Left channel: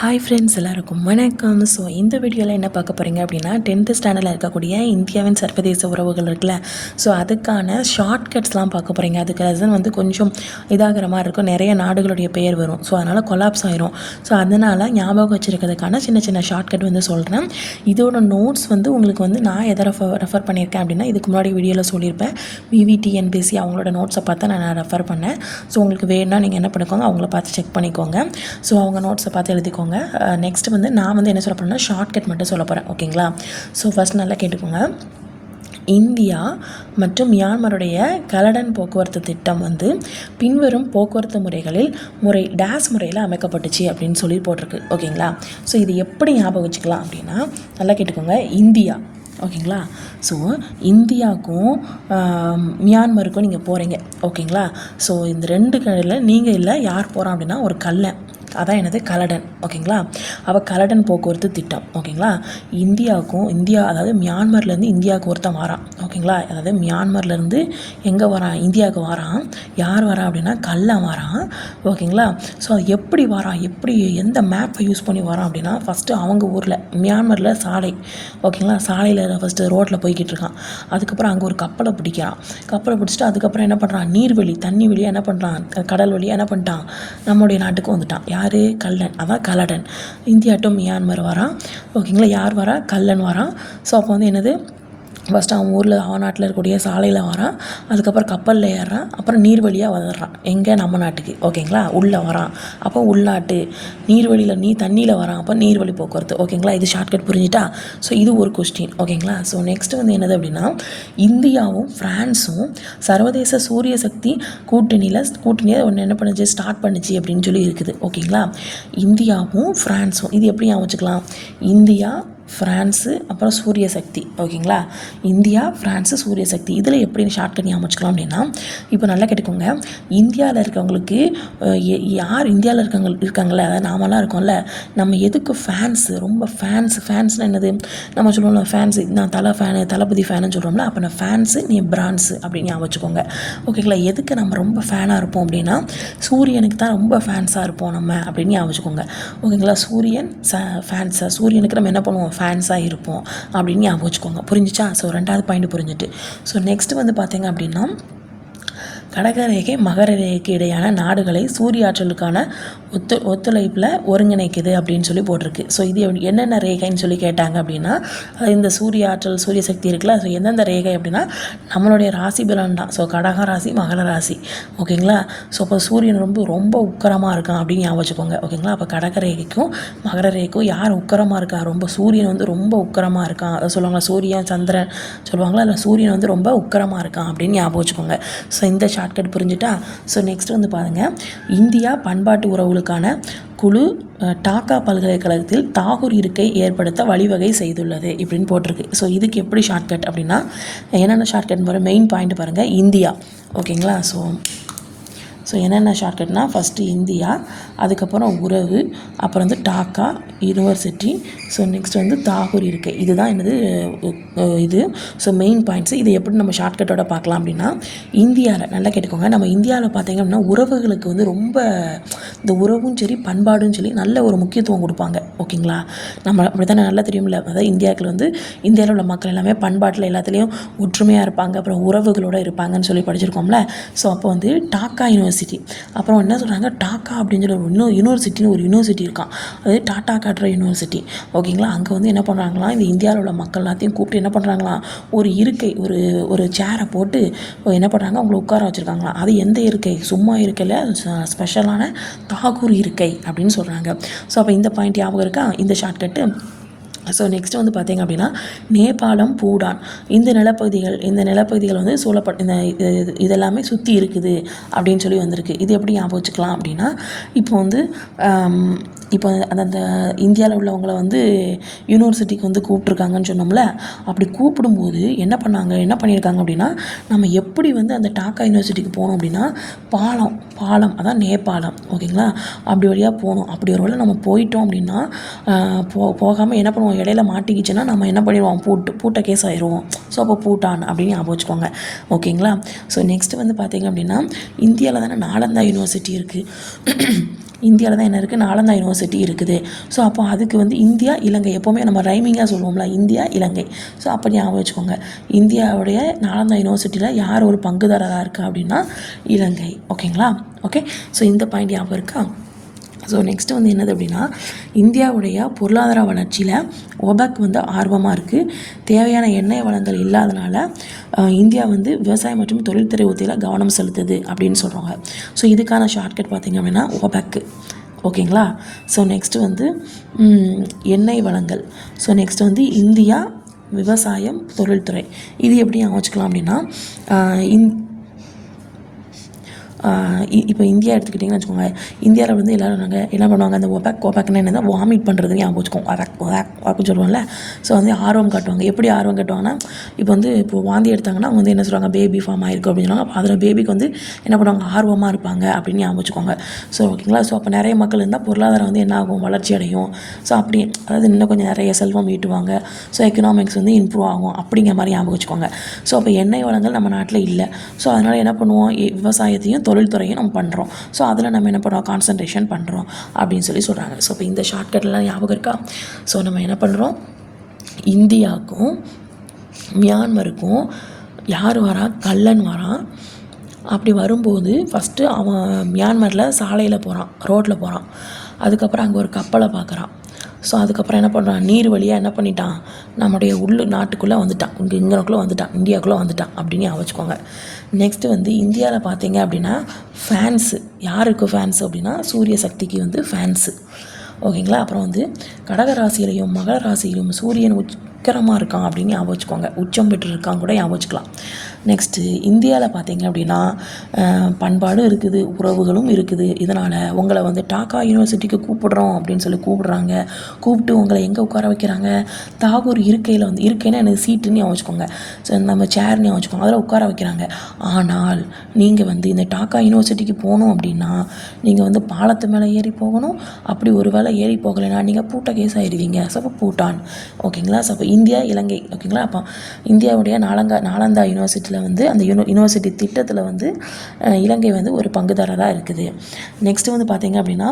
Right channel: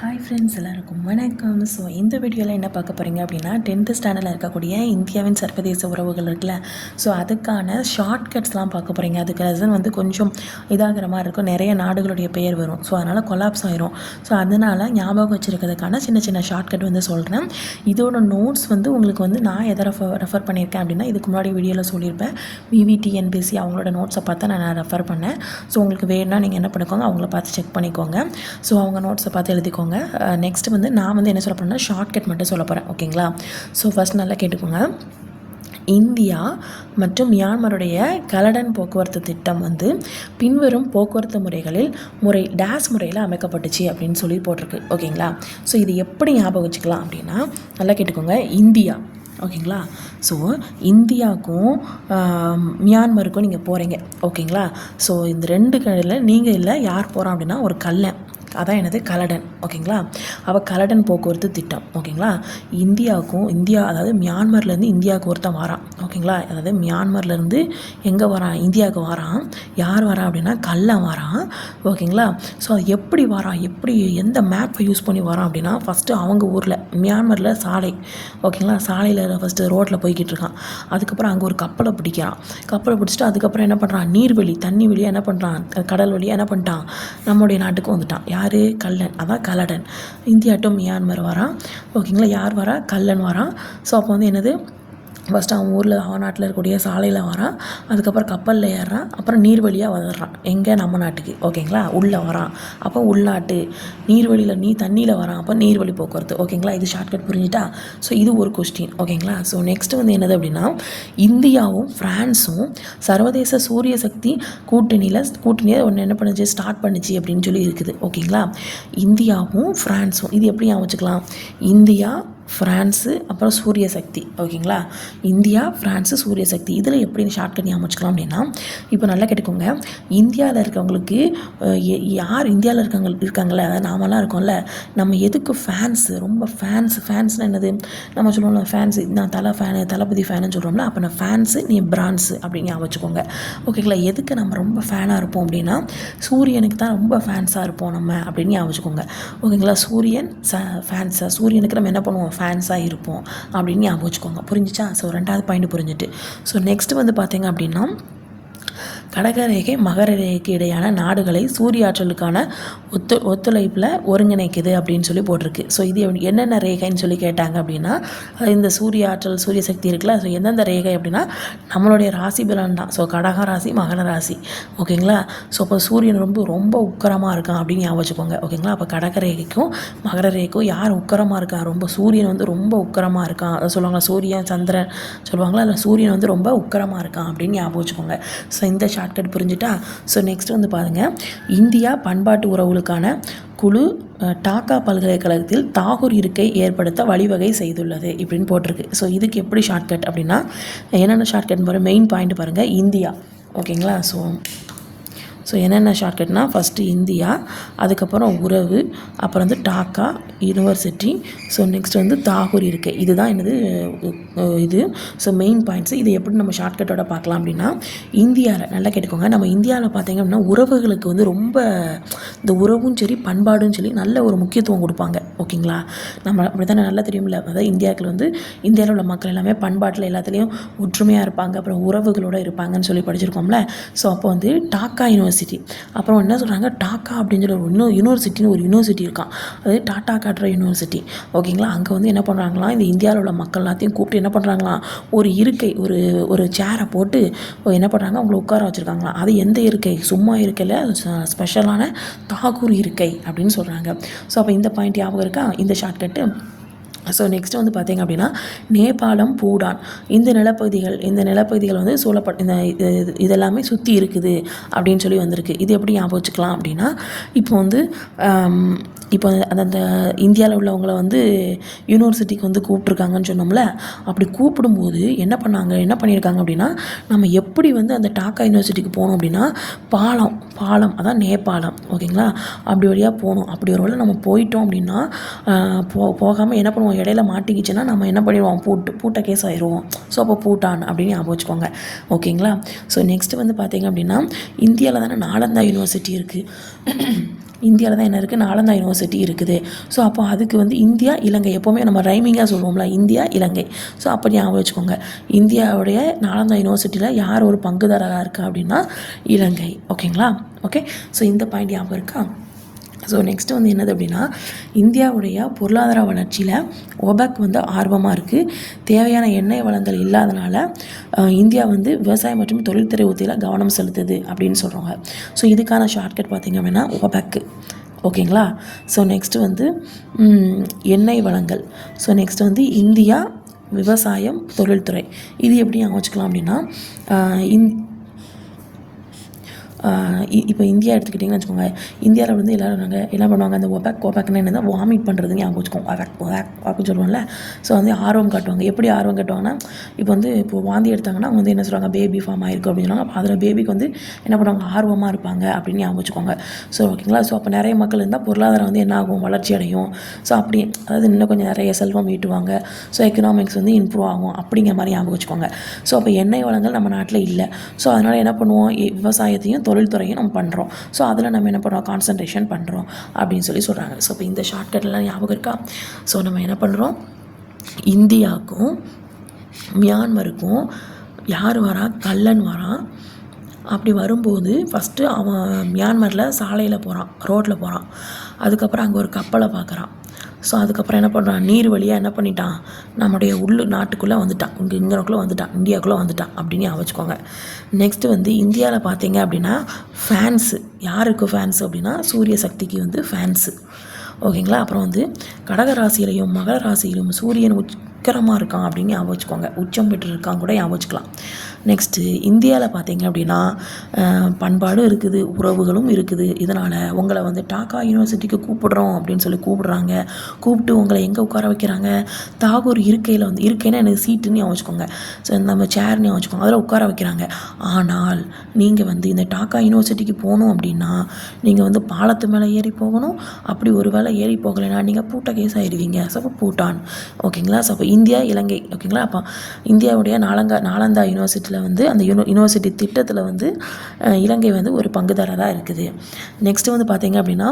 Hi friends எல்லாருக்கும் வணக்கம். So இந்த வீடியோவில் என்ன பார்க்க போகிறீங்க அப்படின்னா டென்த்து ஸ்டாண்டர்டில் இருக்கக்கூடிய இந்தியாவின் சர்வதேச உறவுகள் இருக்குல்ல. ஸோ அதுக்கான ஷார்ட்கட்ஸ்லாம் பார்க்க போகிறீங்க அதுக்கு ரீசன் வந்து கொஞ்சம் இதாகிற மாதிரி இருக்கும். நிறைய நாடுகளுடைய பேர் வரும். ஸோ அதனால் கொலாப்ஸ் ஆயிரும். ஸோ அதனால் ஞாபகம் வச்சுருக்கிறதுக்கான சின்ன சின்ன ஷார்ட்கட் வந்து சொல்கிறேன் இதோட நோட்ஸ் வந்து உங்களுக்கு வந்து நான் எதை ரெஃபர் ரெஃபர் பண்ணியிருக்கேன் அப்படின்னா இதுக்கு முன்னாடி வீடியோவில் சொல்லியிருப்பேன். விவிடிஎன்பிசி அவங்களோட நோட்ஸை பார்த்து நான் ரெஃபர் பண்ணேன். ஸோ உங்களுக்கு வேணும்னா நீங்கள் என்ன பண்ணிக்கோங்க அவங்கள பார்த்து செக் பண்ணிக்கோங்க. ஸோ அவங்க நோட்ஸை பார்த்து எழுதிக்கோங்க. நெக்ஸ்ட் வந்து நான் வந்து என்ன சொல்ல போகிறேன்னா ஷார்ட்கட் மட்டும் சொல்ல போகிறேன் ஓகேங்களா ஸோ ஃபஸ்ட் நல்லா கேட்டுக்கோங்க. இந்தியா மற்றும் மியான்மருடைய கலடன் போக்குவரத்து திட்டம் வந்து பின்வரும் போக்குவரத்து முறைகளில் முறை டேஸ் முறையில் அமைக்கப்பட்டுச்சு அப்படின்னு சொல்லி போட்டிருக்கு. ஓகேங்களா ஸோ இது எப்படி ஞாபகம் வச்சுக்கலாம் அப்படின்னா நல்லா கேட்டுக்கோங்க. இந்தியா. ஓகேங்களா ஸோ இந்தியாவுக்கும் மியான்மருக்கும் நீங்கள் போகிறீங்க ஓகேங்களா ஸோ இந்த ரெண்டு கடையில் நீங்கள் இல்லை யார் போகிறோம் அப்படின்னா ஒரு கல்லை. அதான் என்னது கலடன் ஓகேங்களா? அவள் கலடன் போக்குவரத்து திட்டம் ஓகேங்களா? இந்தியாவுக்கும் இந்தியா அதாவது மியான்மர்லேருந்து இந்தியாவுக்கு ஒருத்தன் வரான் ஓகேங்களா? அதாவது மியான்மர்லேருந்து எங்கே வரான்? இந்தியாவுக்கு வரான். யார் வரான் அப்படின்னா கல்லன் வரான் ஓகேங்களா? ஸோ அது எப்படி வரான்? எப்படி எந்த மேப்பை யூஸ் பண்ணி வரான் அப்படின்னா ஃபஸ்ட்டு அவங்க ஊரில் மியான்மரில் சாலை ஓகேங்களா? சாலையில் ஃபஸ்ட்டு ரோட்டில் போய்கிட்டு இருக்கான். அதுக்கப்புறம் அங்கே ஒரு கப்பலை பிடிக்கிறான். கப்பலை பிடிச்சிட்டு அதுக்கப்புறம் என்ன பண்ணுறான் நீர்வழி தண்ணி வழியாக என்ன பண்ணுறான் கடல் வழியாக என்ன பண்ணிட்டான்? நம்முடைய நாட்டுக்கு வந்துட்டான். யார்? கல்லன். அதான் கலடன். இந்தியா டு மியான்மர் வரான் ஓகேங்களா? யார் வரா? கல்லன் வரான் ஸோ அப்போ வந்து என்னது? ஃபஸ்ட்டு அவன் ஊரில் அவநாட்டில் இருக்கக்கூடிய சாலையில் வரான். அதுக்கப்புறம் கப்பலில் ஏறுறான். அப்புறம் நீர் வழியாக வந்துடுறான். எங்கே? நம்ம நாட்டுக்கு. ஓகேங்களா? உள்ளே வரான். அப்போ உள்நாட்டு. நீர்வழியில் நீ தண்ணியில் வரான். அப்போ நீர்வழி போக்குவரத்து. ஓகேங்களா? இது ஷார்ட்கட் புரிஞ்சுட்டா? ஸோ இது ஒரு கொஸ்டின் ஓகேங்களா? ஸோ நெக்ஸ்ட் வந்து என்னது அப்படின்னா இந்தியாவும் ஃப்ரான்ஸும் சர்வதேச சூரிய சக்தி கூட்டணியில் கூட்டணியை ஒன்று என்ன பண்ணுச்சு? ஸ்டார்ட் பண்ணுச்சு அப்படின்னு சொல்லி இருக்குது. ஓகேங்களா? இந்தியாவும் ஃப்ரான்ஸும் இது எப்படி ஞாபகம் வச்சுக்கலாம்? இந்தியா ஃப்ரான்ஸு அப்புறம் சூரிய சக்தி ஓகேங்களா? இந்தியா ஃப்ரான்ஸு சூரிய சக்தி இதில் எப்படி ஷார்ட்கட் ஞாபகம் வச்சுக்கலாம் அப்படின்னா இப்போ நல்லா கேட்டுக்கோங்க. இந்தியாவில் இருக்கவங்களுக்கு யார் இந்தியாவில் இருக்கவங்க இருக்காங்களே அதாவது நாமெல்லாம் இருக்கோம்ல. நம்ம எதுக்கு ஃபேன்ஸு ரொம்ப ஃபேன்ஸ் ஃபேன்ஸ்னால் என்னது? நம்ம சொல்லுவோம்ல ஃபேன்ஸு நான் தலை ஃபேனு தளபதி ஃபேனுன்னு சொல்கிறோம்ல அப்போ நான் ஃபேன்ஸு நீ பிரான்ஸு அப்படின்னு ஞாபகம் வச்சுக்கோங்க ஓகேங்களா? எதுக்கு நம்ம ரொம்ப ஃபேனாக இருப்போம் அப்படின்னா சூரியனுக்கு தான் ரொம்ப ஃபேன்ஸாக இருப்போம் நம்ம அப்படின்னு ஞாபகம் வச்சுக்கோங்க ஓகேங்களா? சூரியன் ச ஃபேன்ஸாக சூரியனுக்கு நம்ம என்ன பண்ணுவோம்? ஃபேன்ஸாக இருப்போம் அப்படின்னு ஞாபகம் வச்சுக்கோங்க. புரிஞ்சுச்சா? ஸோ ரெண்டாவது பாயிண்ட் புரிஞ்சுட்டு. ஸோ நெக்ஸ்ட் வந்து பார்த்தீங்க அப்படின்னா கடகரேகை மகர ரேகைக்கு இடையான நாடுகளை சூரிய ஆற்றலுக்கான ஒத்து ஒத்துழைப்பில் ஒருங்கிணைக்குது அப்படின்னு சொல்லி போட்டிருக்கு. ஸோ இது என்னென்ன ரேகைன்னு சொல்லி கேட்டாங்க அப்படின்னா அது இந்த சூரிய ஆற்றல் சூரிய சக்தி இருக்குல்ல ஸோ எந்தெந்த ரேகை அப்படின்னா நம்மளுடைய ராசி பலன் தான். ஸோ கடக ராசி மகர ராசி. ஓகேங்களா? ஸோ இப்போ சூரியன் ரொம்ப ரொம்ப உக்கரமாக இருக்கான் அப்படின்னு ஞாபகம் வச்சுக்கோங்க. ஓகேங்களா? அப்போ கடக ரேகைக்கும் மகர ரேகைக்கும் யார் உக்கரமாக இருக்கா? ரொம்ப சூரியன் வந்து ரொம்ப உக்கரமாக இருக்கான். அதை சொல்லுவாங்க சூரியன் சந்திரன் சொல்லுவாங்களா அதில் சூரியன் வந்து ரொம்ப உக்கரமாக இருக்கான் அப்படின்னு ஞாபகம் வச்சுக்கோங்க. ஸோ இந்த ஷார்ட்கட் புரிஞ்சுட்டா? ஸோ நெக்ஸ்ட் வந்து பாருங்கள் இந்தியா பண்பாட்டு உறவுகளுக்கான குழு டாக்கா பல்கலைக்கழகத்தில் தாகூர் இருக்கை ஏற்படுத்த வழிவகை செய்துள்ளது இப்படின்னு போட்டிருக்கு. ஸோ இதுக்கு எப்படி ஷார்ட்கட் அப்படின்னா என்னென்ன ஷார்ட்கட் பாருங்கள் மெயின் பாயிண்ட் பாருங்கள் இந்தியா. ஓகேங்களா ஸோ ஸோ என்னென்ன ஷார்ட்கட்னா ஃபஸ்ட்டு இந்தியா அதுக்கப்புறம் உறவு அப்புறம் வந்து டாக்கா யூனிவர்சிட்டி ஸோ நெக்ஸ்ட் வந்து தாகூர் இருக்கை. இதுதான் என்னது இது. ஸோ மெயின் பாயிண்ட்ஸ் இது எப்படி நம்ம ஷார்ட்கட்டோட பார்க்கலாம் அப்படின்னா இந்தியாவில் நல்லா கேட்டுக்கோங்க. நம்ம இந்தியாவில் பார்த்தீங்க அப்படின்னா உறவுகளுக்கு வந்து ரொம்ப இந்த உறவும் சரி பண்பாடும் சரி நல்ல ஒரு முக்கியத்துவம் கொடுப்பாங்க. ஓகேங்களா? நம்ம அப்படி தானே நல்லா தெரியும்ல? அதாவது இந்தியாவுக்குள்ள வந்து இந்தியாவில் உள்ள மக்கள் எல்லாமே பண்பாட்டில் எல்லாத்துலேயும் ஒற்றுமையாக இருப்பாங்க. அப்புறம் உறவுகளோடு இருப்பாங்கன்னு சொல்லி படிச்சிருக்கோம்ல? ஸோ அப்போ வந்து டாக்கா யூனிவர்சிட்டி. அப்புறம் என்ன சொல்கிறாங்க டாக்கா அப்படின்னு சொல்லி ஒரு இன்னொரு யூனிவர்சிட்டின்னு ஒரு யூனிவர்சிட்டி இருக்கான் அது டாட்டா காட்டுற யூனிவர்சிட்டி. ஓகேங்களா? அங்கே வந்து என்ன பண்ணுறாங்களா இந்த இந்தியாவில் உள்ள மக்கள் எல்லாத்தையும் கூப்பிட்டு என்ன பண்ணுறாங்களா ஒரு இருக்கை ஒரு ஒரு சேரை போட்டு என்ன பண்ணுறாங்க அவங்களை உட்கார வச்சுருக்காங்களா? அது எந்த இருக்கை? சும்மா இருக்கையில் ஸ்பெஷலான தாகூர் இருக்கை அப்படின்னு சொல்கிறாங்க ஸோ அப்போ இந்த பாயிண்ட் ஞாபகம் இருக்கா? இந்த ஷார்ட்கட்டு ஸோ நெக்ஸ்ட் வந்து பார்த்தீங்க அப்படின்னா நேபாளம் பூடான். இந்த நிலப்பகுதிகள் இந்த நிலப்பகுதிகள் வந்து சூழப்பட் இந்த இது- இது- இதெல்லாமே சுற்றி இருக்குது அப்படின்னு சொல்லி வந்திருக்கு. இது எப்படி ஞாபகம் வச்சுக்கலாம் அப்படின்னா இப்போ வந்து இப்போ அந்த அந்த இந்தியாவில் உள்ளவங்கள வந்து யூனிவர்சிட்டிக்கு வந்து கூப்பிட்ருக்காங்கன்னு சொன்னோம்ல அப்படி கூப்பிடும்போது என்ன பண்ணாங்க என்ன பண்ணியிருக்காங்க அப்படின்னா நம்ம எப்படி வந்து அந்த டாக்கா யூனிவர்சிட்டிக்கு போகணும் அப்படின்னா பாலம் பாலம் அதான் நேபாளம் ஓகேங்களா? அப்படி வழியாக போகணும் அப்படி ஒரு வேளை நம்ம போயிட்டோம் அப்படின்னா போ போகாமல் என்ன பண்ணுவோம் இடையில மாட்டிக்கிச்சுன்னா நம்ம என்ன பண்ணிடுவோம் பூட்டு பூட்ட கேஸ் ஆயிடுவோம் ஸோ அப்போ பூட்டான் அப்படின்னு ஞாபகம் வச்சுக்கோங்க. ஓகேங்களா? ஸோ நெக்ஸ்ட் வந்து பார்த்தீங்க அப்படின்னா இந்தியாவில் தானே நாலந்தா யூனிவர்சிட்டி இருக்குது இந்தியாவில் தான் என்ன இருக்குது நாலந்தா யூனிவர்சிட்டி இருக்குது. ஸோ அப்போ அதுக்கு வந்து இந்தியா இலங்கை. எப்போவுமே நம்ம ரைமிங்காக சொல்லுவோம்ல இந்தியா இலங்கை. ஸோ அப்போ ஞாபகம் வச்சுக்கோங்க. இந்தியாவுடைய நாலந்தா யூனிவர்சிட்டியில் யார் ஒரு பங்குதாரராக இருக்கா அப்படின்னா இலங்கை. ஓகேங்களா ஓகே ஸோ இந்த பாயிண்ட் ஞாபகம் இருக்கா? ஸோ நெக்ஸ்ட் வந்து என்னது அப்படின்னா இந்தியாவுடைய பொருளாதார வளர்ச்சியில் ஒபக் வந்து ஆர்வமாக இருக்குது தேவையான எண்ணெய் வளங்கள் இல்லாதனால இந்தியா வந்து விவசாயம் மற்றும் தொழில்துறை உத்தியில் கவனம் செலுத்துது அப்படின்னு சொல்கிறாங்க ஸோ இதுக்கான ஷார்ட்கட் பார்த்திங்க அப்படின்னா ஒபக் ஓகேங்களா? ஸோ நெக்ஸ்ட்டு வந்து எண்ணெய் வளங்கள். ஸோ நெக்ஸ்ட் வந்து இந்தியா விவசாயம் தொழில்துறை. இது எப்படி அமைச்சிக்கலாம் அப்படின்னா இந் இப்போ இந்தியா எடுத்துக்கிட்டிங்கன்னு வச்சுக்கோங்க இந்தியாவில் வந்து எல்லோரும் நாங்கள் என்ன பண்ணுவாங்க? அந்த ஒபேக் ஒபேக்னா என்ன வாமிட் பண்ணுறது ஞாபகம் வச்சுக்கோங்க ஒபேக் ஒபேக் ஒபேக்னு சொல்லுவோம்ல. ஸோ வந்து ஆர்வம் காட்டுவாங்க. எப்படி ஆர்வம் காட்டுவாங்கன்னா இப்போ வந்து இப்போ வாந்தி எடுத்தாங்கன்னா அவங்க வந்து என்ன சொல்லுவாங்க? பேபி ஃபார்ம் ஆயிருக்கு சொல்லுவாங்க. அதில் பேபிக்கு வந்து என்ன பண்ணுவாங்க? ஆர்வமாக இருப்பாங்க அப்படின்னு ஞாபகம் வச்சுக்கோங்க. ஸோ ஓகேங்களா ஸோ அப்போ நிறைய மக்கள் இருந்தால் பொருளாதாரம் வந்து என்ன ஆகும்? வளர்ச்சி அடையும். ஸோ அப்படி அதாவது இன்னும் கொஞ்சம் நிறைய செல்வம் ஈட்டுவாங்க. ஸோ எக்கனாமிக்ஸ் வந்து இம்ப்ரூவ் ஆகும் அப்படிங்கிற மாதிரி ஞாபகம் வச்சுக்கோங்க. ஸோ அப்போ எண்ணெய் வளங்கள் நம்ம நாட்டில் இல்லை. ஸோ அதனால் என்ன பண்ணுவோம்? விவசாயத்தையும் தொழில் தொழில்துறையும் நம்ம பண்ணுறோம் ஸோ அதில் நம்ம என்ன பண்ணுறோம் கான்சன்ட்ரேஷன் பண்ணுறோம் அப்படின்னு சொல்லி சொல்கிறாங்க ஸோ இப்போ இந்த ஷார்ட்கட்லாம் ஞாபகம் இருக்கா? ஸோ நம்ம என்ன பண்ணுறோம் இந்தியாவுக்கும் மியான்மருக்கும் யார் வரா? கல்லன் வரான் அப்படி வரும்போது ஃபஸ்ட்டு அவன் மியான்மரில் சாலையில் போகிறான் ரோட்டில் போகிறான் அதுக்கப்புறம் அங்கே ஒரு கப்பலை பார்க்குறான். ஸோ அதுக்கப்புறம் என்ன பண்ணுறான் நீர் வழியாக என்ன பண்ணிட்டான்? நம்முடைய உள்ளு நாட்டுக்குள்ளே வந்துட்டான். இங்கே இங்கனக்குள்ளே வந்துட்டான். இந்தியாவுக்குள்ளே வந்துட்டான் அப்படின்னு ஞாபகம் வச்சுக்கோங்க. நெக்ஸ்ட்டு வந்து இந்தியாவில் பார்த்தீங்க அப்படின்னா ஃபேன்ஸு யாருக்கு ஃபேன்ஸ் அப்படின்னா சூரிய சக்திக்கு வந்து ஃபேன்ஸு ஓகேங்களா அப்புறம் வந்து கடக ராசியிலையும் மகர ராசியிலையும் சூரியன் உச்சகரமாக இருக்கான் அப்படின்னு ஞாபகம் வச்சுக்கோங்க. உச்சம் பெற்று இருக்கான் கூட ஞாபகம் வச்சுக்கலாம். நெக்ஸ்ட்டு இந்தியாவில் பார்த்தீங்க அப்படின்னா பண்பாடும் இருக்குது உறவுகளும் இருக்குது. இதனால் உங்களை வந்து டாக்கா யூனிவர்சிட்டிக்கு கூப்பிடுறோம் அப்படின்னு சொல்லி கூப்பிடுறாங்க. கூப்பிட்டு உங்களை எங்கே உட்கார வைக்கிறாங்க? தாகூர் இருக்கையில் வந்து இருக்கைன்னா எனக்கு சீட்டுன்னு வச்சுக்கோங்க. ஸோ நம்ம சேர்னு வச்சுக்கோங்க. அதில் உட்கார வைக்கிறாங்க. ஆனால் நீங்கள் வந்து இந்த டாக்கா யூனிவர்சிட்டிக்கு போகணும் அப்படின்னா நீங்கள் வந்து பாலத்து மேலே ஏறி போகணும். அப்படி ஒரு வேளை ஏறி போகலைன்னா நீங்கள் பூட்ட கேஸ் ஆயிருவீங்க ஸோ அப்போ பூட்டான். ஓகேங்களா? ஸோ அப்போ இந்தியா இலங்கை ஓகேங்களா? அப்போ இந்தியாவுடைய நாலங்கா நாலந்தா திட்டத்தில் வந்து அந்த யூனி யூனிவர்சிட்டி திட்டத்தில் வந்து இலங்கை வந்து ஒரு பங்குதாரராக இருக்குது. நெக்ஸ்ட்டு வந்து பார்த்தீங்க அப்படின்னா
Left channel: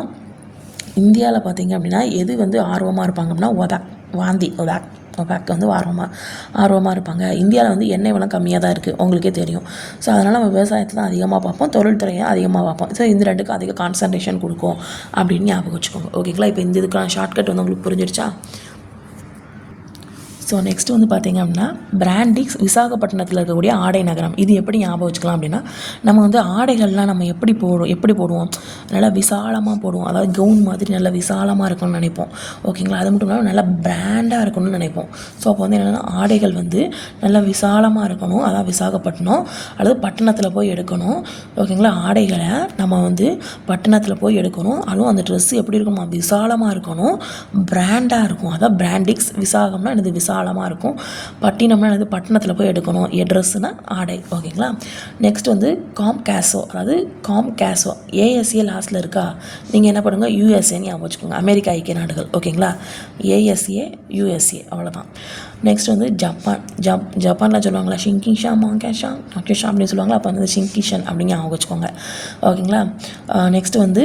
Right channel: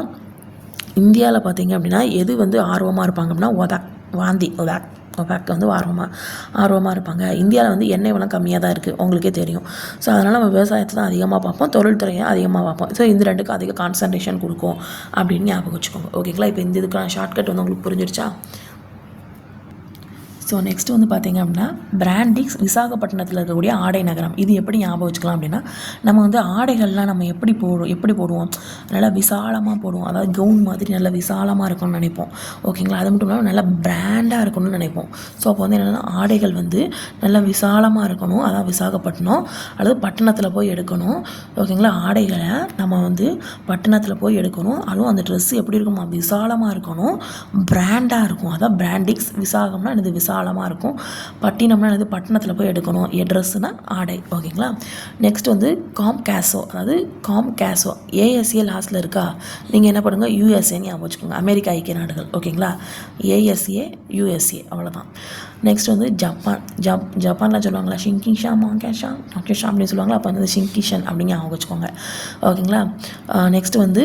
இந்தியாவில் பார்த்தீங்க அப்படின்னா எது வந்து ஆர்வமாக இருப்பாங்க அப்படின்னா ஒதாக் வாந்தி ஒதாக் ஒபாக் வந்து ஆர்வமாக ஆர்வமாக இருப்பாங்க. இந்தியாவில் வந்து எண்ணெய் வளம் கம்மியாக தான் இருக்குது உங்களுக்கே தெரியும். ஸோ அதனால் நம்ம விவசாயத்தை தான் அதிகமாக பார்ப்போம் தொழில்துறையை அதிகமாக பார்ப்போம். ஸோ இந்த ரெண்டுக்கும் அதிக கான்சன்ட்ரேஷன் கொடுக்கும் அப்படின்னு ஞாபகம் வச்சுக்கோங்க. ஓகேங்களா இப்போ இந்த இதுக்கான ஷார்ட்கட் வந்து உங்களுக்கு புரிஞ்சிருச்சா? ஸோ நெக்ஸ்ட் வந்து பார்த்தீங்க அப்படின்னா பிராண்டிக்ஸ் விசாகப்பட்டினத்தில் இருக்கக்கூடிய ஆடை நகரம். இது எப்படி ஞாபகம் வச்சுக்கலாம் அப்படின்னா நம்ம வந்து ஆடைகள்லாம் நம்ம எப்படி போடுவோம் எப்படி போடுவோம்? நல்லா விசாலமாக போடுவோம். அதாவது கவுன் மாதிரி நல்லா விசாலமாக இருக்கணும்னு நினைப்போம். ஓகேங்களா அது மட்டும் இல்லாமல் நல்லா பிராண்டாக இருக்கணும்னு நினைப்போம். ஸோ அப்போ வந்து என்னென்னா ஆடைகள் வந்து நல்லா விசாலமாக இருக்கணும். அதான் விசாகப்பட்டினம். அல்லது பட்டணத்தில் போய் எடுக்கணும். ஓகேங்களா ஆடைகளை நம்ம வந்து பட்டணத்தில் போய் எடுக்கணும். அதுவும் அந்த ட்ரெஸ் எப்படி இருக்குமா விசாலமாக இருக்கணும். பிராண்டாக இருக்கும். அதான் பிராண்டிக்ஸ் விசாகம்னா எனது விசாலமாக இருக்கும். பட்டினம்னா வந்து பட்டணத்தில் போய் எடுக்கணும். எ ஆடை. ஓகேங்களா? நெக்ஸ்ட் வந்து காம் கேசோ. அதாவது காம் கேசோ. ஏஎஸ்ஏ லாஸ்ட்டில் இருக்கா? நீங்கள் என்ன பண்ணுங்கள் யூஎஸ்ஏன்னு ஞாபகம் வச்சுக்கோங்க. அமெரிக்கா ஐக்கிய நாடுகள். ஓகேங்களா? ஏஎஸ்ஏ யூஎஸ்ஏ அவ்வளோதான் நெக்ஸ்ட் வந்து ஜப்பான் ஜப் ஜப்பானில் சொல்லுவாங்களா ஷிங்கிஷா மாங்கேஷா ஷா அப்படின்னு சொல்லுவாங்களா அப்போ வந்து ஷிங்கிஷன் அப்படின்னு ஞாபகம் வச்சுக்கோங்க. ஓகேங்களா நெக்ஸ்ட் வந்து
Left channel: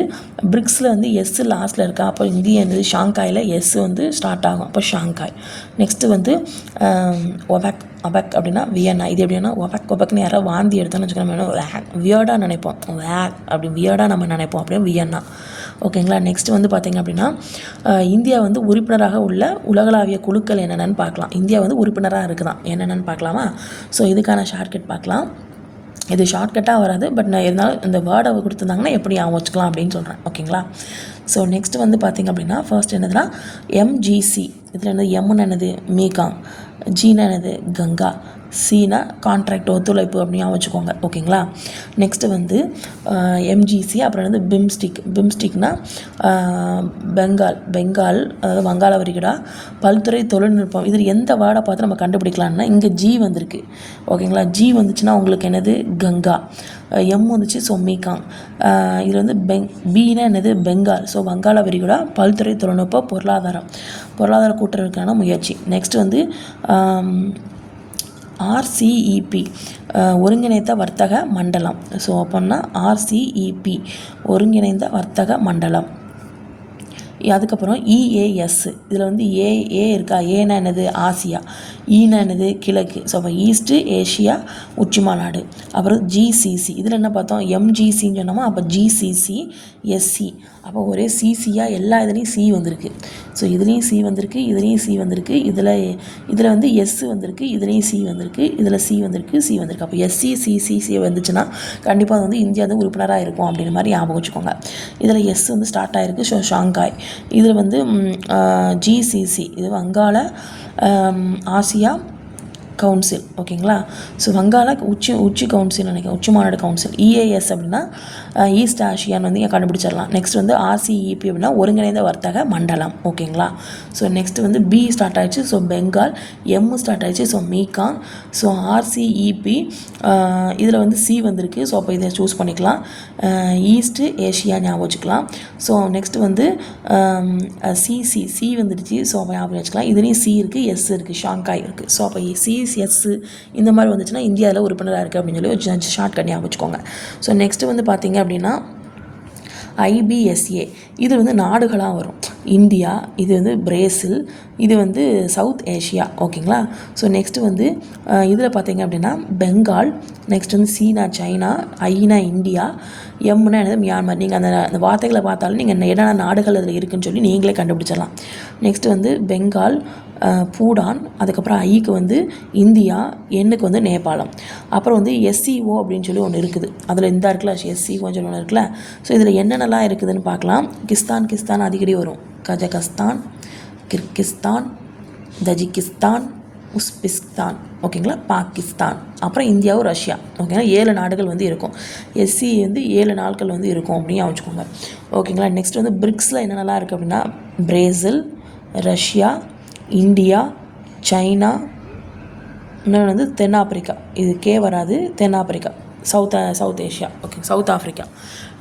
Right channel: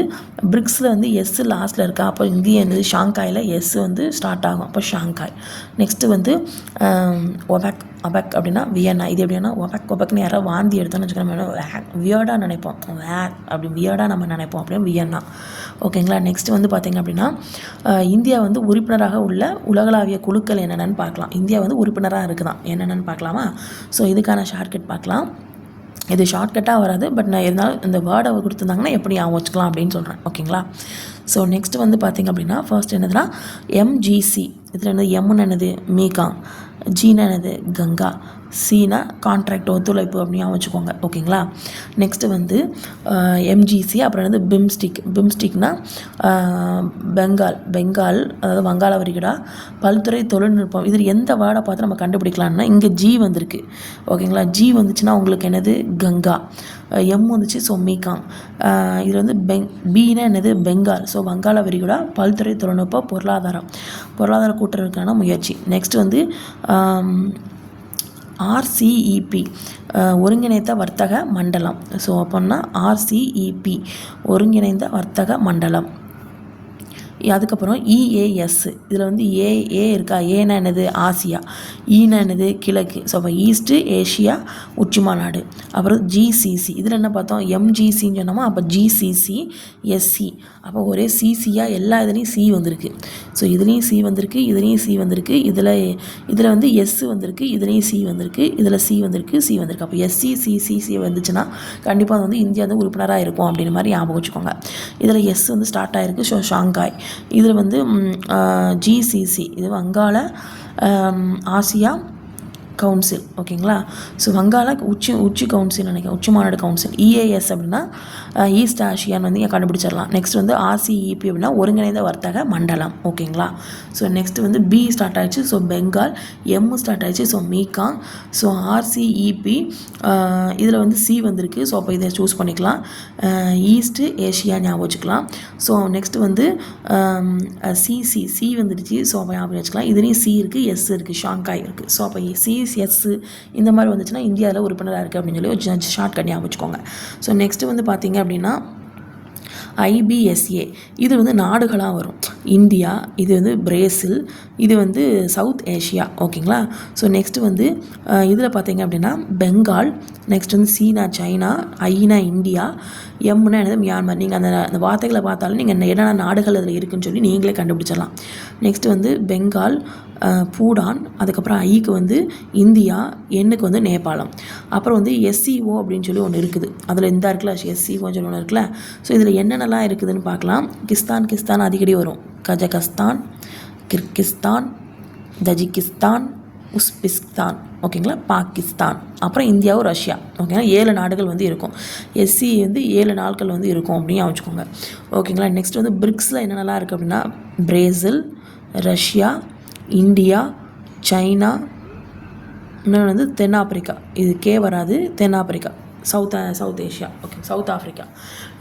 பிரிக்ஸில் வந்து எஸ் லாஸ்ட்டில் இருக்கா? அப்போ இந்தியா வந்து ஷாங்காயில் எஸ் வந்து ஸ்டார்ட் ஆகும். அப்போ ஷாங்காய் நெக்ஸ்ட்டு வந்து ஒபேக் ஒபேக் அப்படின்னா வியன்னா இது எப்படின்னா ஒபேக் ஒபேக்னு யாராவது வாந்தி எடுத்தோன்னு வச்சுக்கோங்க வியர்டாக நினைப்போம். வேக் அப்படி வியர்டாக நம்ம நினைப்போம். அப்படியே வியன்னா ஓகேங்களா? நெக்ஸ்ட் வந்து பார்த்திங்க அப்படின்னா இந்தியா வந்து உறுப்பினராக உள்ள உலகளாவிய குழுக்கள் என்னென்னு பார்க்கலாம் இந்தியா வந்து உறுப்பினராக இருக்குதான். என்னென்னு பார்க்கலாமா ஸோ இதுக்கான ஷார்ட்கட் பார்க்கலாம் இது ஷார்ட்கட்டாக வராது பட் நான் இருந்தாலும் இந்த வேர்டை கொடுத்துருந்தாங்கன்னா எப்படி ஞாபகம் வச்சுக்கலாம் அப்படின்னு சொல்கிறேன் ஓகேங்களா? ஸோ நெக்ஸ்ட் வந்து பார்த்திங்க அப்படின்னா ஃபர்ஸ்ட் என்னதுன்னா எம்ஜிசி இதில் என்னது எம்னு என்னது? மீகாங் ஜீனா என்னது? கங்கா. சீனை கான்ட்ராக்ட் ஒத்துழைப்பு அப்படின்னு வச்சுக்கோங்க. ஓகேங்களா? நெக்ஸ்ட்டு வந்து எம்ஜிசி அப்புறம் வந்து பிம்ஸ்டிக் பிம்ஸ்டிக்னா பெங்கால் பெங்கால் அதாவது வங்காள விரிகுடா பல்துறை தொழில்நுட்பம். இதில் எந்த வேர்டை பார்த்து நம்ம கண்டுபிடிக்கலாம்னா இங்கே ஜி வந்திருக்கு. ஓகேங்களா? ஜி வந்துச்சுன்னா உங்களுக்கு என்னது? கங்கா. எம் வந்துச்சு ஸோ மீகாங் இதில் வந்து பெங் பீனா என்னது? பெங்கால் ஸோ வங்காள விரிகுடா பல்துறை தொழில்நுட்ப பொருளாதாரம். பொருளாதார கூட்டுறவுக்கான முயற்சி. நெக்ஸ்ட் வந்து ஆர்சிஇபி ஒருங்கிணைந்த வர்த்தக மண்டலம். ஸோ அப்போன்னா ஆர்சிஇபி ஒருங்கிணைந்த வர்த்தக மண்டலம். அதுக்கப்புறம் இஏஎஸ். இதில் வந்து ஏ ஏ இருக்கா? ஏன்னா என்னது? ஆசியா. ஈனா என்னது? கிழக்கு. ஸோ அப்போ ஈஸ்ட்டு ஏஷியா உச்சி மாநாடு அப்புறம் ஜிசிசி. இதில் என்ன பார்த்தோம்? எம்ஜிசின்னு சொன்னோமா? அப்போ ஜிசிசி எஸ்சி. அப்போ ஒரே சிசியாக எல்லா இதுலேயும் சி வந்திருக்கு. ஸோ இதுலேயும் சி வந்திருக்கு இதுலேயும் சி வந்திருக்கு இதில் இதில் வந்து எஸ் வந்திருக்கு இதுலேயும் சி வந்திருக்கு இதில் சி வந்திருக்கு சி வந்திருக்கு. அப்போ எஸ்சி சிசிசி வந்துச்சுன்னா கண்டிப்பாக அது வந்து இந்தியா வந்து உறுப்பினராக இருக்கும் அப்படின்ற மாதிரி ஞாபகம் வச்சுக்கோங்க. இதில் எஸ் வந்து ஸ்டார்ட் ஆகிருக்கு ஷோ ஷாங்காய். இதில் வந்து ஜிசிசி இது வங்காள ஆசியா கவுன்சில் ஓகேங்களா ஸோ வங்காள உச்சி உச்சி கவுன்சில் நினைக்கிறேன் உச்சி மாநாடு கவுன்சில் இஏஎஸ் அப்படின்னா ஈஸ்ட் ஆசியான்னு வந்து இங்கே கண்டுபிடிச்சிடலாம். நெக்ஸ்ட் வந்து ஆர்சிஇபி அப்படின்னா ஒருங்கிணைந்த வர்த்தக மண்டலம். ஓகேங்களா? ஸோ நெக்ஸ்ட் வந்து பி ஸ்டார்ட் ஆயிடுச்சு. ஸோ பெங்கால் எம் ஸ்டார்ட் ஆயிடுச்சு. ஸோ மீகாங் ஸோ ஆர்சிஇபி இதில் வந்து சி வந்திருக்கு. ஸோ அப்போ இதை சூஸ் பண்ணிக்கலாம். ஈஸ்ட்டு ஏஷியா ஞாபகம் வச்சுக்கலாம். ஸோ நெக்ஸ்ட் வந்து சிசி சி வந்துடுச்சு. ஸோ அப்போ ஞாபகம் வச்சுக்கலாம். இதுலேயும் சி இருக்குது எஸ் இருக்குது ஷாங்காய் இருக்குது ஸோ அப்போ சி e, எஸ் இந்த மாதிரி வந்துச்சுன்னா இந்தியாவில் உறுப்பினராக இருக்குது அப்படின்னு சொல்லி ஒரு ஷார்ட் கட் ஞாபகம் வச்சுக்கோங்க. ஸோ நெக்ஸ்ட்டு வந்து பார்த்தீங்க அப்படின்னா ஐபிஎஸ்ஏ இது வந்து நாடுகளாக வரும். இந்தியா இது வந்து பிரேசில் இது வந்து சவுத் ஏஷியா. ஓகேங்களா? ஸோ நெக்ஸ்ட்டு வந்து இதில் பார்த்தீங்க அப்படின்னா பெங்கால் நெக்ஸ்ட் வந்து சீனா சைனா ஐனா இந்தியா எம்னா என்னது? மியான்மர். நீங்கள் அந்த அந்த வார்த்தைகளை பார்த்தாலும் நீங்கள் என்னென்ன நாடுகள் அதில் இருக்குன்னு சொல்லி நீங்களே கண்டுபிடிச்சிடலாம். நெக்ஸ்ட் வந்து பெங்கால் பூடான் அதுக்கப்புறம் ஐக்கு வந்து இந்தியா எண்ணுக்கு வந்து நேபாளம். அப்புறம் வந்து எஸ்சிஓ அப்படின்னு சொல்லி ஒன்று இருக்குது. அதில் இந்த இருக்குல்ல எஸ்சிஓன்னு சொல்லி ஒன்று இருக்குல்ல. ஸோ இதில் என்னென்னலாம் இருக்குதுன்னு பார்க்கலாம். கிஸ்தான் கிஸ்தான் அடிக்கடி வரும். கஜகஸ்தான் கிர்கிஸ்தான் தஜிகிஸ்தான் உஸ்பிஸ்தான் ஓகேங்களா? பாகிஸ்தான் அப்புறம் இந்தியாவும் ரஷ்யா. ஓகேங்களா? ஏழு நாடுகள் வந்து இருக்கும். எஸ்சி வந்து ஏழு நாட்கள் வந்து இருக்கும் அப்படின்னு வச்சுக்கோங்க. ஓகேங்களா? நெக்ஸ்ட் வந்து பிரிக்ஸில் என்னென்னலாம் இருக்குது அப்படின்னா பிரேசில் ரஷ்யா இந்தியா சைனா இன்னொன்று வந்து தென்னாப்பிரிக்கா. இது கே வராது தென்னாப்பிரிக்கா. South south Asia okay south Africa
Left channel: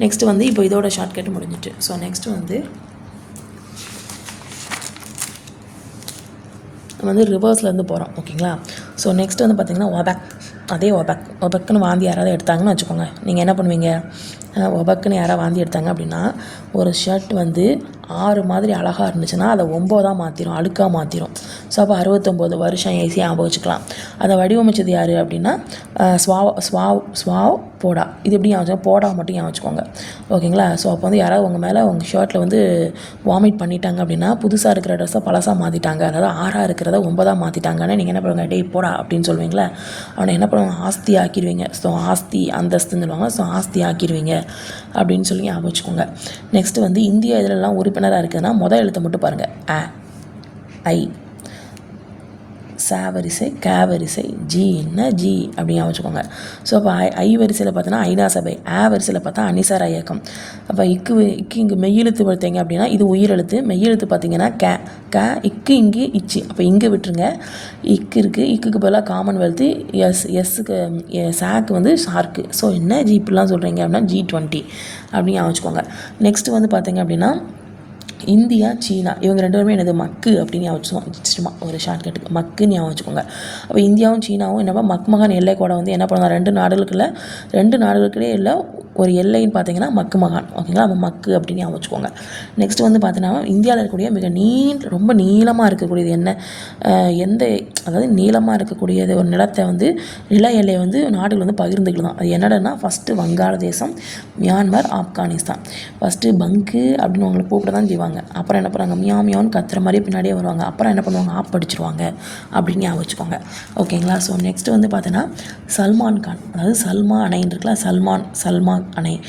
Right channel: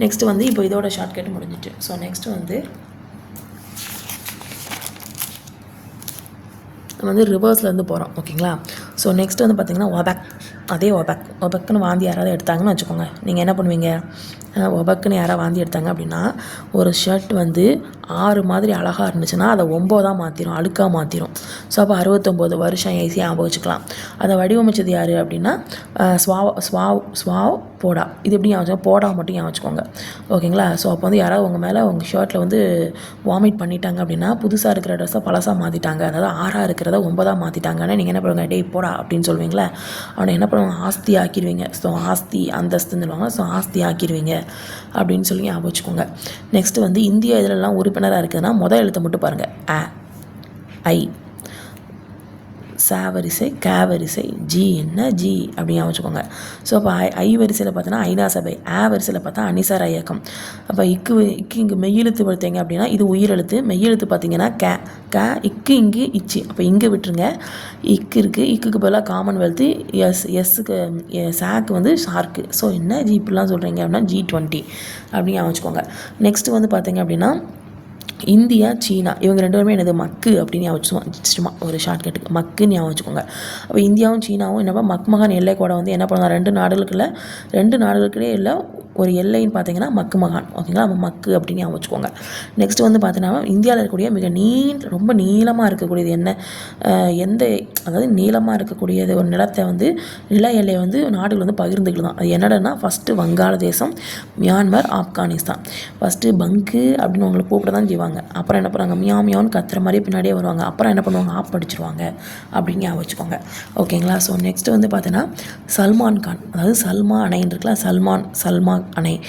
next வந்து இப்போ இதோட ஷார்ட்கட் முடிஞ்சிட்டு. ஸோ நெக்ஸ்ட் வந்து நம்ம வந்து ரிவர்ஸில் வந்து போகிறோம் ஓகேங்களா? ஸோ நெக்ஸ்ட் வந்து பார்த்திங்கன்னா ஒபக் அதே ஒபேக் ஒபக்குன்னு வாந்தி யாராவது எடுத்தாங்கன்னு வச்சுக்கோங்க. நீங்கள் என்ன பண்ணுவீங்க? ஒபக்குன்னு யாராவது வாந்தி எடுத்தாங்க அப்படின்னா ஒரு ஷர்ட் வந்து ஆறு மாதிரி அழகாக இருந்துச்சுன்னா அதை ஒம்போதாக மாற்றிடும் அழுக்காக மாற்றிடும் ஸோ அப்போ அறுபத்தொம்போது வருஷம் ஈஸியாக ஞாபகம் வச்சுக்கலாம். அதை வடிவமைச்சது யார் அப்படின்னா ஸ்வாவ் ஸ்வாவ் ஸ்வாவ் போடா. இது எப்படி ஞாபகம் போடா மட்டும் ஞாபகம் வச்சுக்கோங்க. ஓகேங்களா? ஸோ அப்போ வந்து யாராவது உங்கள் மேலே உங்கள் ஷர்ட்டில் வந்து வாமிட் பண்ணிட்டாங்க அப்படின்னா புதுசாக இருக்கிற ட்ரெஸ்ஸை பழசாக மாற்றிட்டாங்க அதாவது ஆறாக இருக்கிறத ஒன்பதாக மாற்றிட்டாங்கன்னு நீங்கள் என்ன பண்ணுவாங்க? டேய் போடா அப்படின்னு சொல்லுவீங்களே? அவனை என்ன பண்ணுவாங்க? ஆஸ்தி ஆக்கிடுவீங்க ஸோ ஆஸ்தி அந்தஸ்துன்னு சொல்லுவாங்க. ஸோ ஆஸ்தி ஆக்கிடுவீங்க அப்படின்னு சொல்லி ஞாபகம் வச்சுக்கோங்க. நெக்ஸ்ட்டு வந்து இந்தியா இதிலெல்லாம் உறுப்பினராக இருக்குதுன்னா முதல் எழுத்தை மட்டும் பாருங்கள் ஆ ஐ ச வரிசை க வரிசை ஜி என்ன? ஜி அப்படின்னு வச்சுக்கோங்க ஸோ அப்போ ஐ ஐ வரிசையில் பார்த்தோன்னா ஐநா சபை ஆ வரிசையில் பார்த்தா அனிசார இயக்கம். அப்போ இக்கு இக்கு இங்கே மெய்யெழுத்து பார்த்தீங்க அப்படின்னா இது உயிரெழுத்து. மெய்யெழுத்து பார்த்தீங்கன்னா க க இக்கு இங்கே இச்சு. அப்போ இங்கே விட்டுருங்க. இக்கு இருக்குது இக்குக்கு பதிலாக காமன்வெல்த்து எஸ் எஸ்ஸுக்கு சாக்கு வந்து ஷார்க்கு ஸோ என்ன? ஜி இப்படிலாம் சொல்கிறீங்க அப்படின்னா ஜி டுவெண்ட்டி அப்படின்னு வச்சுக்கோங்க நெக்ஸ்ட்டு வந்து பார்த்தீங்க அப்படின்னா இந்தியா சீனா இவங்க ரெண்டு பேருமே என்னது மக்கு அப்படின்னு ஞாபகம் வச்சுக்கோங்க சும்மா ஒரு ஷார்ட்கட்டுக்கு மக்குன்னு ஞாபகம் வச்சுக்கோங்க. அப்போ இந்தியாவும் சீனாவும் என்னப்பா மக்மகான் எல்லை கூட வந்து என்ன பண்ணுவாங்க ரெண்டு நாடுகளுக்குள்ள ரெண்டு நாடுகளுக்கிடையே இல்லை ஒரு எல்லைன்னு பார்த்தீங்கன்னா மக்கு மகான். ஓகேங்களா? நம்ம மக்கு அப்படின்னு வச்சுக்கோங்க. நெக்ஸ்ட் வந்து பார்த்தீங்கன்னா இந்தியாவில் இருக்கக்கூடிய மிக நீள் ரொம்ப நீளமாக இருக்கக்கூடியது என்ன? எந்த அதாவது நீளமாக இருக்கக்கூடியது ஒரு நிலத்தை வந்து நில எல்லை வந்து நாடுகள் வந்து பகிர்ந்துக்கலாம் அது என்னடனா ஃபஸ்ட்டு வங்காளதேசம் மியான்மர் ஆப்கானிஸ்தான். ஃபஸ்ட்டு பங்கு அப்படின்னு அவங்களை கூப்பிட தான் செய்வாங்க. அப்புறம் என்ன பண்ணுவாங்க? மியா மியான்னு கத்துற மாதிரி பின்னாடியே வருவாங்க. அப்புறம் என்ன பண்ணுவாங்க? ஆப் அடிச்சிருவாங்க. அப்படின்னு ஞாபகம் வச்சுக்கோங்க. ஓகேங்களா? ஸோ நெக்ஸ்ட் வந்து பார்த்தீங்கன்னா சல்மான் கான். அதாவது சல்மா அணைன்னு இருக்கலாம். சல்மான் சல்மா 啊，你。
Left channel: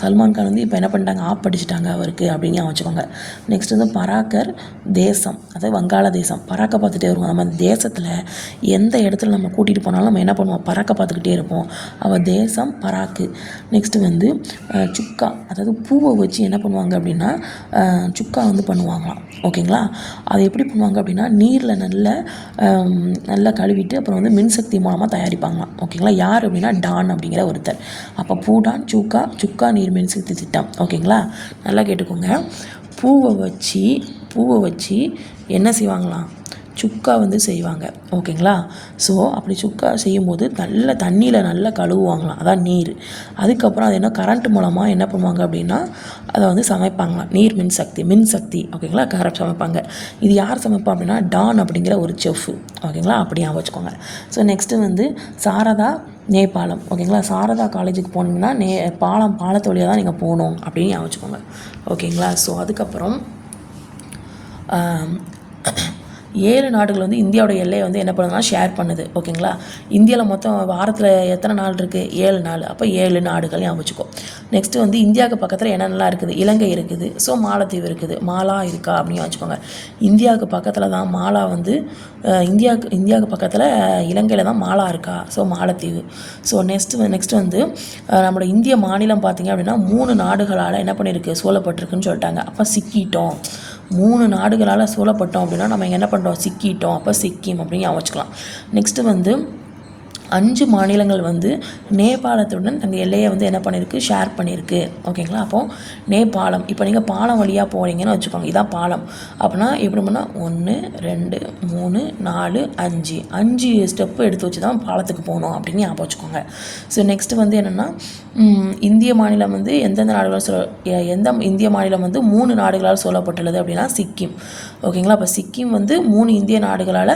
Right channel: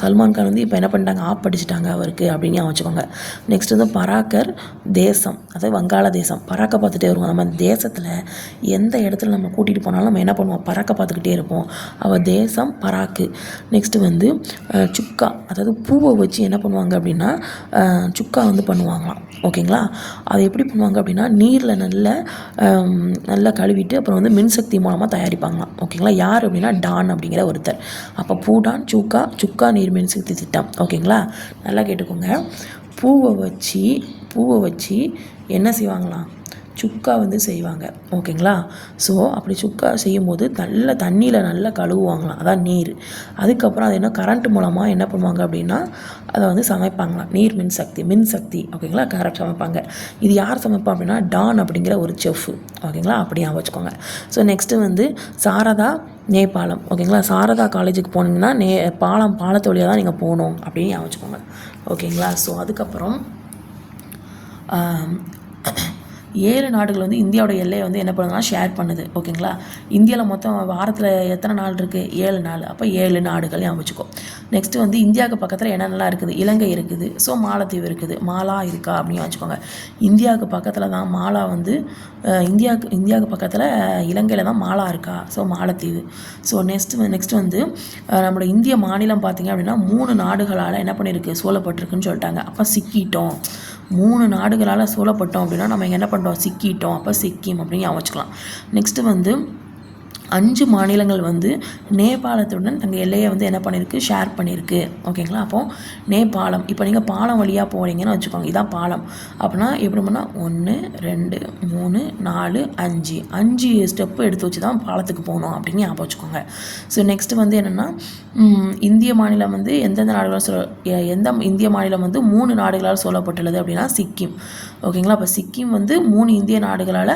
சல்மான் கான் வந்து இப்போ என்ன பண்ணிட்டாங்க? ஆப் அடிச்சிட்டாங்க அவருக்கு அப்படின்னு வச்சுக்கோங்க. நெக்ஸ்ட் வந்து பராக்கர் தேசம் அதாவது வங்காள தேசம். பராக்க பார்த்துட்டே வருவோம். நம்ம அந்த தேசத்தில் எந்த இடத்துல நம்ம கூட்டிகிட்டு போனாலும் நம்ம என்ன பண்ணுவோம்? பராக்க பார்த்துக்கிட்டே இருப்போம். அவள் தேசம் பராக்கு. நெக்ஸ்ட்டு வந்து சுக்கா அதாவது பூவை வச்சு என்ன பண்ணுவாங்க அப்படின்னா சுக்கா வந்து பண்ணுவாங்களாம். ஓகேங்களா? அதை எப்படி பண்ணுவாங்க அப்படின்னா நீரில் நல்ல நல்லா கழுவிட்டு அப்புறம் வந்து மின்சக்தி மூலமாக தயாரிப்பாங்களாம். ஓகேங்களா? யார் அப்படின்னா டான் அப்படிங்கிற ஒருத்தர். அப்போ பூடான் சுக்கா சுக்கா நீர் மின்சக்தி திட்டம். ஓகேங்களா? நல்லா கேட்டுக்கோங்க. பூவை வச்சு பூவை வச்சு என்ன செய்வாங்களாம்? சுக்கா வந்து செய்வாங்க. ஓகேங்களா? ஸோ அப்படி சுக்கா செய்யும்போது நல்ல தண்ணியில் நல்லா கழுவுவாங்களாம். அதான் நீர். அதுக்கப்புறம் அது என்ன கரண்ட் மூலமாக என்ன பண்ணுவாங்க அப்படின்னா அதை வந்து சமைப்பாங்களாம். நீர் மின்சக்தி மின்சக்தி மின் சக்தி. ஓகேங்களா? கரெக்ட் சமைப்பாங்க. இது யார் சமைப்பா அப்படின்னா டான் அப்படிங்கிற ஒரு செஃப் ஓகேங்களா? அப்படியே வச்சுக்கோங்க. ஸோ நெக்ஸ்ட்டு வந்து சாரதா நேபாளம். ஓகேங்களா? சாரதா காலேஜுக்கு போனீங்கன்னா நே பாலம் பாலத்து வழியாக தான் நீங்கள் போகணும் அப்படின்னு ஞாபகம் வச்சுக்கோங்க. ஓகேங்களா? ஸோ அதுக்கப்புறம் ஏழு நாடுகள் வந்து இந்தியாவோட எல்லையை வந்து என்ன பண்ணுதுன்னா ஷேர் பண்ணுது ஓகேங்களா இந்தியாவில் மொத்தம் வாரத்தில் எத்தனை நாள் இருக்குது ஏழு நாள். அப்போ ஏழு நாடுகள் அமைச்சுக்கோ நெக்ஸ்ட்டு வந்து இந்தியாவுக்கு பக்கத்தில் என்னென்னலாம் இருக்குது? இலங்கை இருக்குது. ஸோ மாலத்தீவு இருக்குது. மாலா இருக்கா அப்படின்னு வச்சுக்கோங்க இந்தியாவுக்கு பக்கத்தில் தான் மாலா வந்து இந்தியாவுக்கு இந்தியாவுக்கு பக்கத்தில் இலங்கையில் தான் மாலா இருக்கா? ஸோ மாலத்தீவு. ஸோ நெக்ஸ்ட்டு நெக்ஸ்ட்டு வந்து நம்மளோட இந்திய மாநிலம் பார்த்தீங்க அப்படின்னா மூணு நாடுகளால் என்ன பண்ணியிருக்கு சூழப்பட்டிருக்குன்னு சொல்லிட்டாங்க. அப்போ சிக்கிட்டோம். மூணு நாடுகளால் சூழப்பட்டோம் அப்படின்னா நம்ம என்ன பண்ணுறோம் சிக்கிட்டோம். அப்போ சிக்கிம் அப்படின்னு ஞாபகம் வச்சுக்கலாம். நெக்ஸ்ட்டு வந்து அஞ்சு மாநிலங்கள் வந்து நேபாளத்துடன் தங்கள் எல்லையை வந்து என்ன பண்ணியிருக்கு? ஷேர் பண்ணியிருக்கு. ஓகேங்களா? அப்போது நேபாளம் இப்போ நீங்கள் பாலம் வழியாக போகிறீங்கன்னு வச்சுக்கோங்க. இதான் பாலம். அப்படின்னா எப்படி பண்ணால் ஒன்று ரெண்டு மூணு நாலு அஞ்சு. அஞ்சு ஸ்டெப்பு எடுத்து வச்சு தான் பாலத்துக்கு போகணும் அப்படின்னு ஞாபகம் வச்சுக்கோங்க. ஸோ நெக்ஸ்ட்டு வந்து என்னென்னா இந்திய மாநிலம் வந்து எந்தெந்த நாடுகளால் சொல்ல எந்த இந்திய மாநிலம் வந்து மூணு நாடுகளால் சொல்லப்பட்டுள்ளது அப்படின்னா சிக்கிம். ஓகேங்களா? அப்போ சிக்கிம் வந்து மூணு இந்திய நாடுகளால்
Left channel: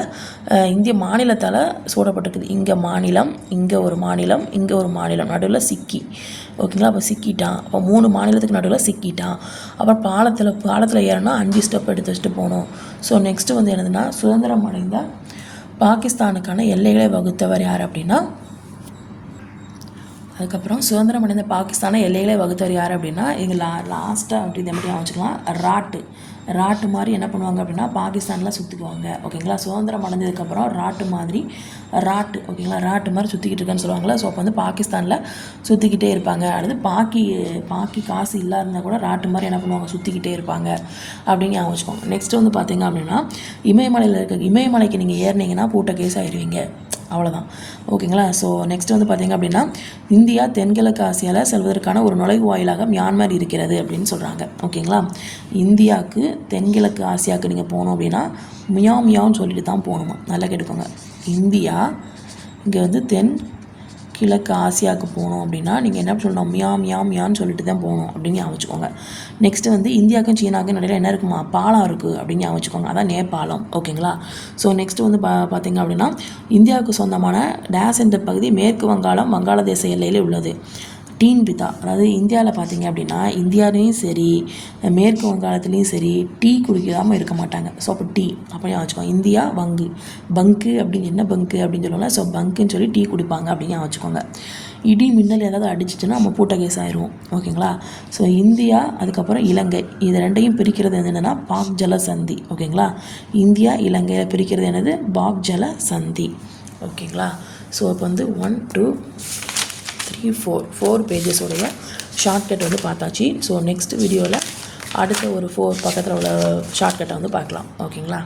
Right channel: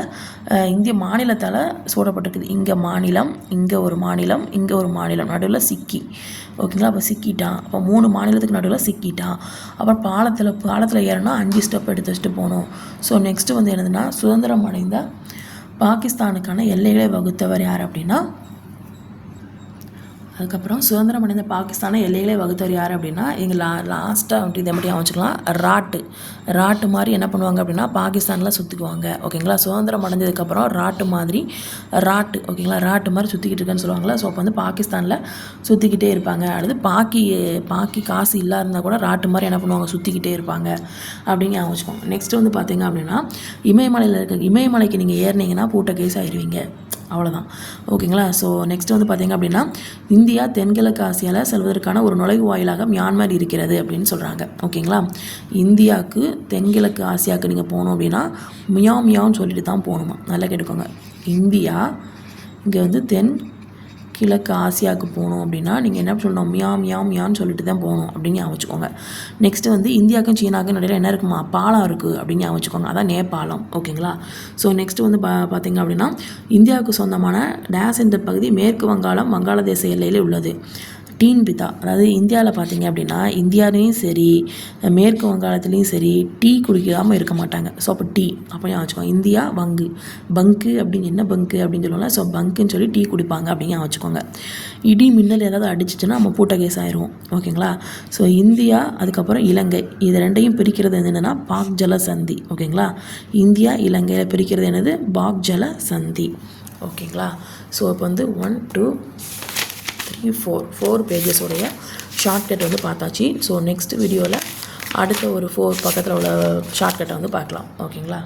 இந்திய மாநிலத்தால் சூடப்பட்டிருக்குது. இங்கே மாநிலம் இங்கே ஒரு மாநிலம் இங்கே ஒரு மாநிலம். நடுவில் சிக்கி. ஓகேங்களா? அப்போ சிக்கிட்டான் அப்போ மூணு மாநிலத்துக்கு நடுவில் சிக்கிட்டான் அப்புறம் பாலத்தில் பாலத்தில் ஏறனா அஞ்சு ஸ்டெப் எடுத்து வச்சுட்டு போகணும். ஸோ நெக்ஸ்ட்டு வந்து என்னதுன்னா சுதந்திரம் அடைந்த பாகிஸ்தானுக்கான எல்லைகளை வகுத்தவர் யார் அப்படின்னா அதுக்கப்புறம் சுதந்திரம் அடைந்த பாகிஸ்தானை எல்லையிலே வகுத்தவர் யார் அப்படின்னா இங்கே லா லாஸ்ட்டாக அப்படி இந்த மட்டும் வச்சுக்கலாம். ராட்டு. ராட்டு மாதிரி என்ன பண்ணுவாங்க அப்படின்னா பாகிஸ்தானில் சுற்றுக்குவாங்க ஓகேங்களா? சுதந்திரம் அடைஞ்சதுக்கப்புறம் ராட்டு மாதிரி ராட்டு. ஓகேங்களா? ராட்டு மாதிரி சுற்றிக்கிட்டு இருக்கேன்னு சொல்லுவாங்களா ஸோ அப்போ வந்து பாகிஸ்தானில் சுற்றிக்கிட்டே இருப்பாங்க. அடுத்து பாக்கி பாக்கி காசு இல்லா இருந்தால் கூட ராட்டு மாதிரி என்ன பண்ணுவாங்க? சுற்றிக்கிட்டே இருப்பாங்க. அப்படின்னு ஞாபகம் வச்சுக்கோங்க. நெக்ஸ்ட் வந்து பார்த்தீங்க அப்படின்னா இமயமலையில் இருக்க இமயமலைக்கு நீங்கள் ஏறினீங்கன்னா பூட்ட கேஸ் ஆயிடுவீங்க அவ்வளோதான் ஓகேங்களா? ஸோ நெக்ஸ்ட் வந்து பார்த்தீங்க அப்படின்னா இந்தியா தென்கிழக்கு ஆசியாவில் செல்வதற்கான ஒரு நுழைவு வாயிலாக மியான்மர் இருக்கிறது அப்படின்னு சொல்கிறாங்க ஓகேங்களா? இந்தியாவுக்கு தென்கிழக்கு ஆசியாவுக்கு நீங்கள் போகணும் அப்படின்னா மியா மியான்னு சொல்லிட்டு தான் போகணுமா. நல்லா கேட்டுக்கோங்க. இந்தியா இங்கே வந்து தென் கிழக்கு ஆசியாவுக்கு போகணும் அப்படின்னா நீங்கள் என்ன சொல்லணும்? மியா மியா மியான்னு சொல்லிட்டு தான் போகணும் அப்படின்னு ஞாபகம் வச்சுக்கோங்க. நெக்ஸ்ட்டு வந்து இந்தியாவுக்கும் சீனாவுக்கும் நடுவில் என்ன இருக்குமா? பாலம் இருக்குது அப்படின்னு ஞாபகம் வச்சுக்கோங்க. அதான் நேபாளம். ஓகேங்களா? ஸோ நெக்ஸ்ட் வந்து பா பார்த்தீங்க அப்படின்னா இந்தியாவுக்கு சொந்தமான டேஸ் என்ற பகுதி மேற்கு வங்காளம் வங்காளதேச எல்லையில் உள்ளது. டீன் பிதா. அதாவது இந்தியாவில் பார்த்தீங்க அப்படின்னா இந்தியாவிலையும் சரி மேற்கு வங்காளத்துலேயும் சரி டீ குடிக்காமல் இருக்க மாட்டாங்க. ஸோ அப்போ டீ. அப்படியே வச்சுக்கோங்க. இந்தியா வங்கு. பங்கு அப்படின்னு என்ன பங்கு அப்படின்னு சொல்லுவாங்க ஸோ பங்குன்னு சொல்லி டீ குடிப்பாங்க அப்படின்னு வச்சுக்கோங்க. இடி மின்னல் ஏதாவது அடிச்சிச்சுன்னா நம்ம பூட்ட கேஸ் ஆயிரும். ஓகேங்களா? ஸோ இந்தியா அதுக்கப்புறம் இலங்கை. இது ரெண்டையும் பிரிக்கிறது என்னென்னா பாக் ஜல சந்தி. ஓகேங்களா? இந்தியா இலங்கையை பிரிக்கிறது என்னது? பாக் ஜல சந்தி. ஓகேங்களா? ஸோ இப்போ வந்து one two three four four பேஜஸோடைய shortcut வந்து பார்த்தாச்சு. ஸோ நெக்ஸ்ட் வீடியோவில் அடுத்த ஒரு ஃபோர் பக்கத்தில் உள்ள ஷார்ட்கட்டை வந்து பார்க்கலாம். ஓகேங்களா